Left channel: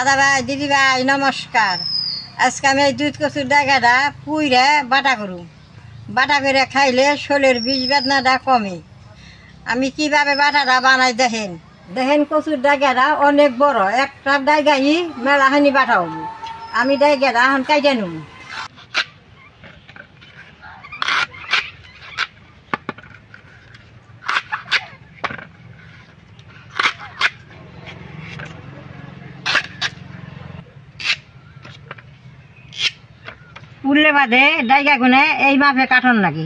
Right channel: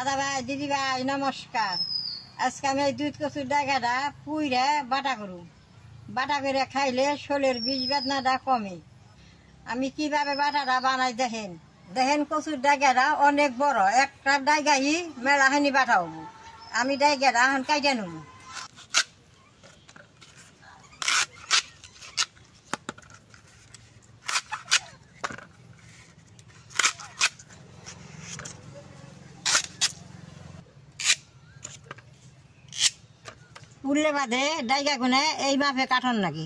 দাদা ভাই দিদি ভাই নমস্কার। আজকে আমি এই দুধ কচুর ডাগাটা পুইরে বাটা করুম। বাটা করে খাইলে শরীরের বিষ বেদনাটা কমে। আমি কিভাবে বাটাটা বানাই দেখেন দেখেন কচুর ডাগাটা অনেক বড়, একটা ডাগাই মেলাহানি বাটা হব। আমি ডাগাটা এখন কাইটে নেব। পুড়লে বাদে ডাইগা গুনে এই মাপে কাটন নাকি,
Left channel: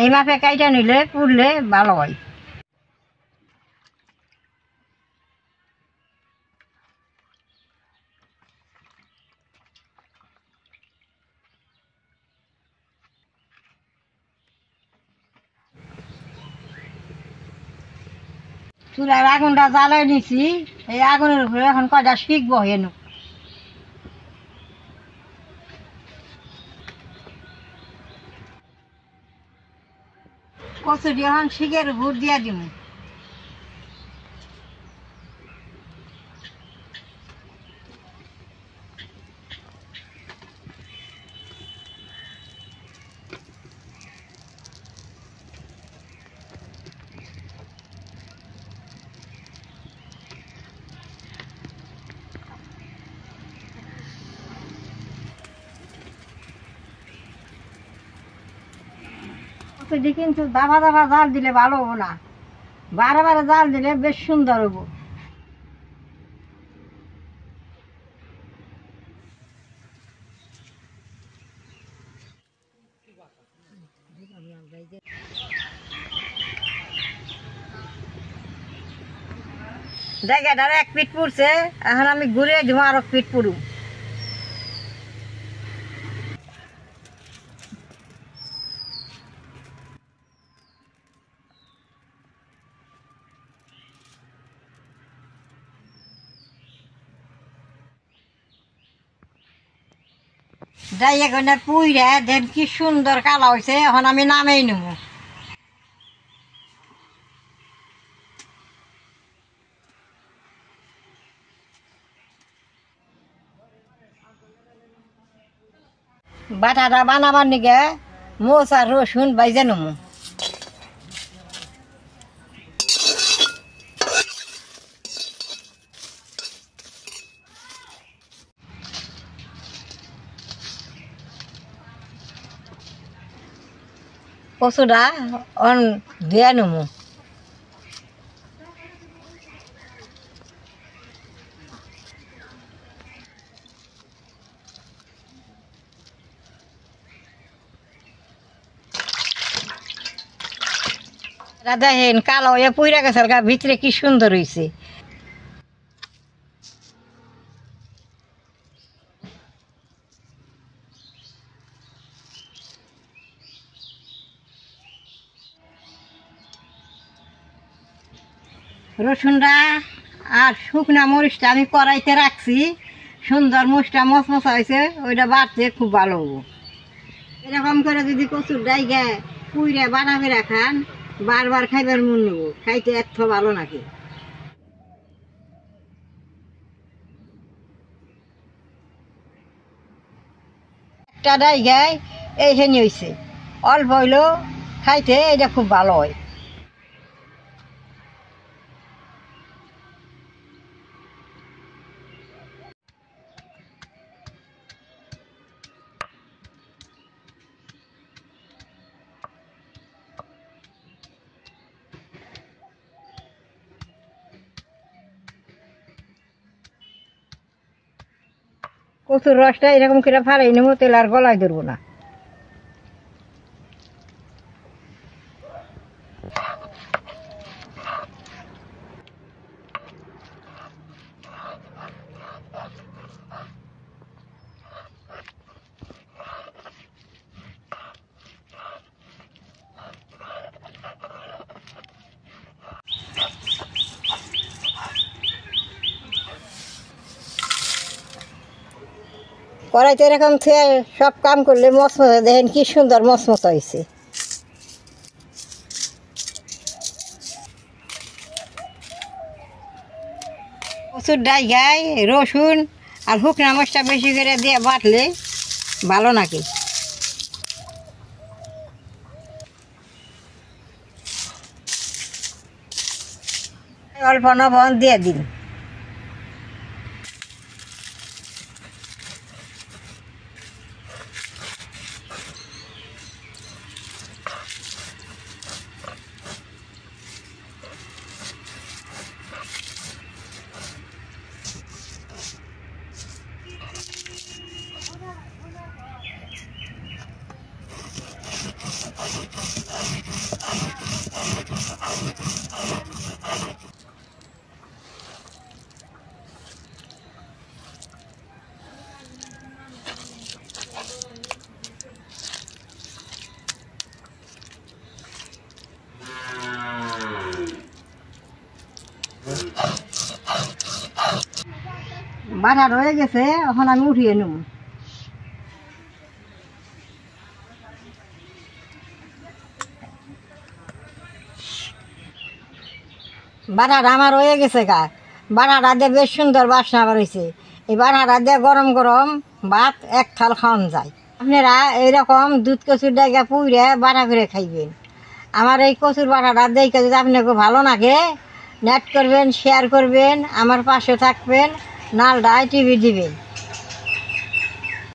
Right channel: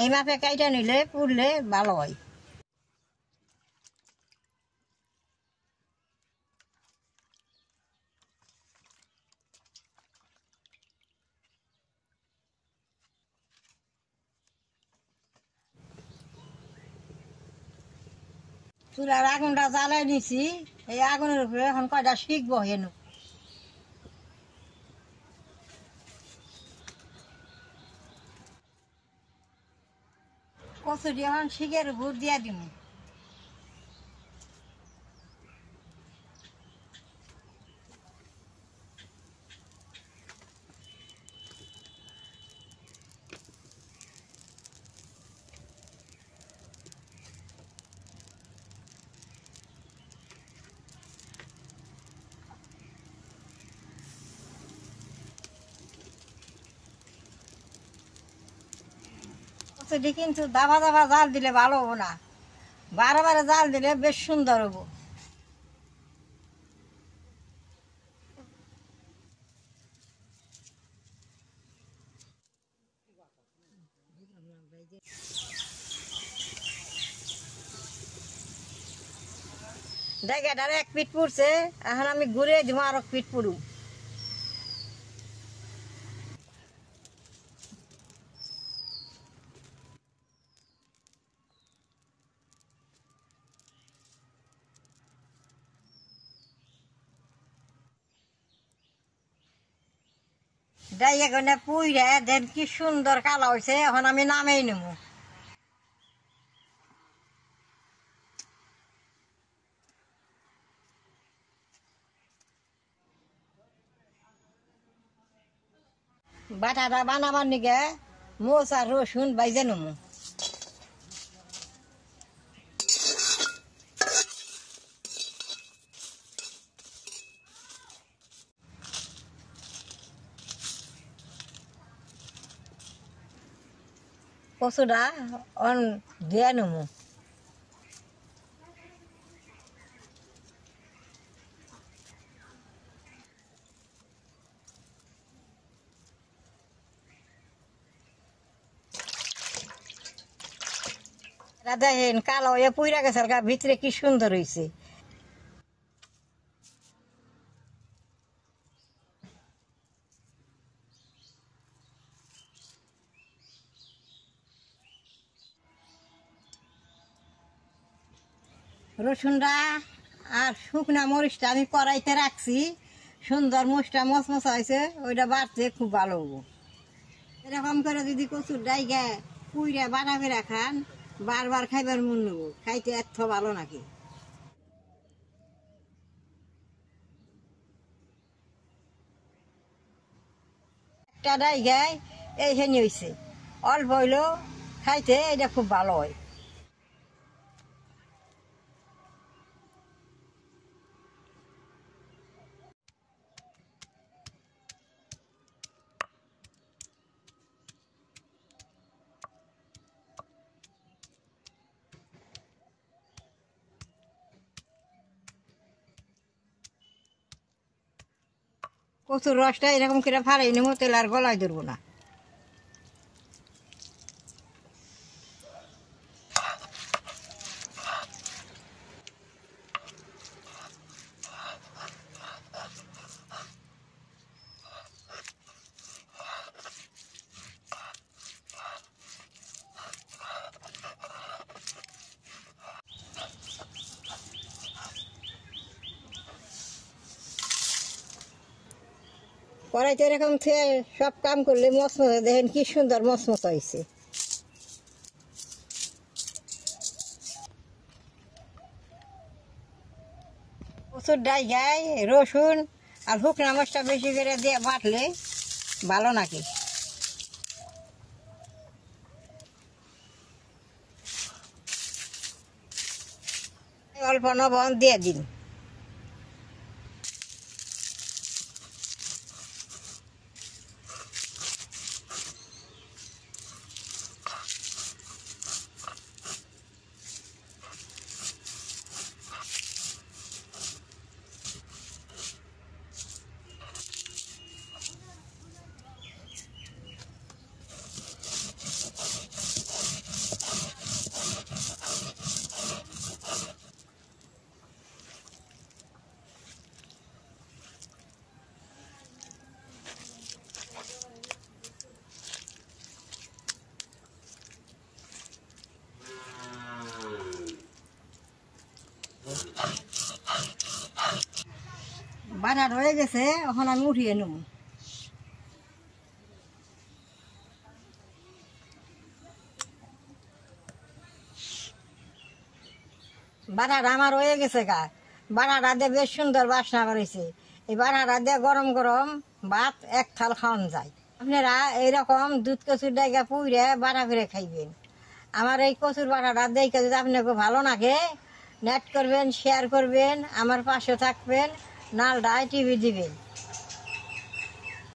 এই মাপে কাইটা নিলে পুড়লে ভালো হয়। চুলার আগুনটা জ্বালাই নিছি, এই আগুনের উপরে এখন কয়টা শিখবো হেন। কচুরি এখন শিখের উপর দিয়া দিব। কচুরি কিন্তু দাবা দাবা জাল দিলে ভালো হবো না, বারে বারে জাল দিলে বেশ সুন্দর হবো। জায়গাটার এক পিঠ পুড়ছে, এখন আমি ঘুরে দিব আর এক পিঠ পুড়ু। ডাইয়া গনে পুইরে দেন কি সুন্দর কালা হয়েছে, এখন আমি নামেই নেব। বাটাটা বানাবার নিগে মোচ আর রসুন বাইজে নেব। কচুটা অন ধুয়ে নেব। দেখেন কালো হয়ে পুইরা গেছে, ভিতরে কি সুন্দর হয়েছে। রসুনটা আর শুকনা মরিচটা আমি কড়াইতে রাখছি, সুন্দর মুচটা মচমচা হয়েছে, ওইটা বাড়তে খুব ভালো হবো। এরকম করে যদি কচুর ডাইগা পুইরে বাটা করে খান, বারবার খাইবার মন নেব, খাইতে এত ভালো নাকি। একটা ডাইগায় এই হেনি হয়েছে, অল্প হইলেও খাইতে এটা খুব ভালো হয়। কচুর রসটা এরকম করে ফাড়াই নেবো, তেল আর গলায় ধরবো না। কড়াইতে এরকম থেকে সব কাম করলে মচমচা, দেখেন কি সুন্দর মচমচা হয়েছে। কচুর ডাইগায় রসুন আর শুকনা মশলা বেশি করে দিয়ে বাটলে ভালো নাকি। অল্প লবণ দিয়ে দিন। বাটা রয়ে গেছে, এখন আমি উঠিয়ে নেব। বাটাটা আমার রয়ে গেছে গা, বাটাটা দিয়ে বেশ সুন্দর বাসনা বেরোইছে। এই বাটাটা দিয়ে গরম গরম ভাত এক থাল খাওয়ান যায়। আপনারা এইরকম দুধ কচুর ডাইগা পুইরে বাটা করে খাইবেন। আমার এই কচুর বাটাটা দেখে যদি আপনাকে ভালো লাগে, নেট করবেন, শেয়ার করবেন, আমার পাশে থাকবেন, নালডায় টিভি দিবেন।